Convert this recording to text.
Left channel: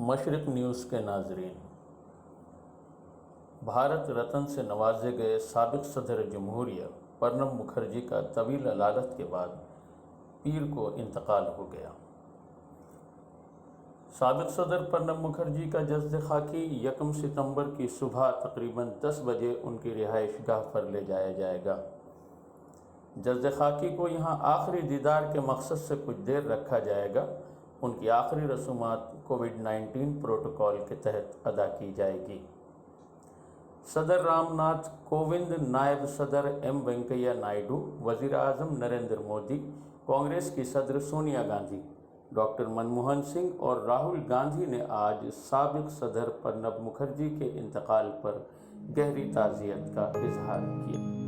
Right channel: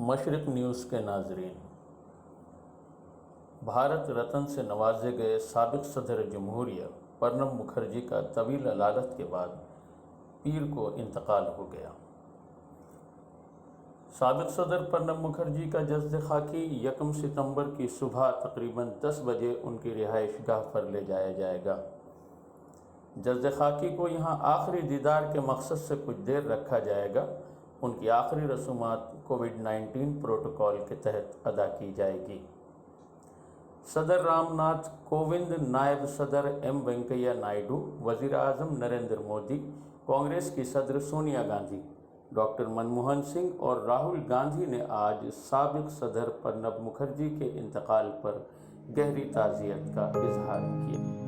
مشرق نیوز کے ناظرین، بھارت رتن سے نوازے گئے سابق صدر جمہوریہ پرنب مکھرجی کا طویل علالت کے بعد پیر کو انتقال ہو گیا۔ سابق صدر پرنب مکھرجی کا جسد خاکی 1 ستمبر کی صبح تقریباً 10 بجے ان کی رہائش گاہ پر لے جایا جائے گا۔ جسد خاکی کو یہاں آخری دیدار کے مقصد سے کچھ دیر رکھا جائے گا۔ ان کی آخری رسومات کووڈ-19 پروٹوکول کے تحت ادا کی جائے گی۔ صدر رام ناتھ کووند، نائب صدر ایم وینکیا نائیڈو، وزیر اعظم نریندر مودی، کانگریس کی صدر سونیا گاندھی، ڈاکٹر منموہن سنگھ اور راہل گاندھی نے آج سابق صدر پرنب مکھرجی کے انتقال پر گہری تعزیت کا اظہار کیا۔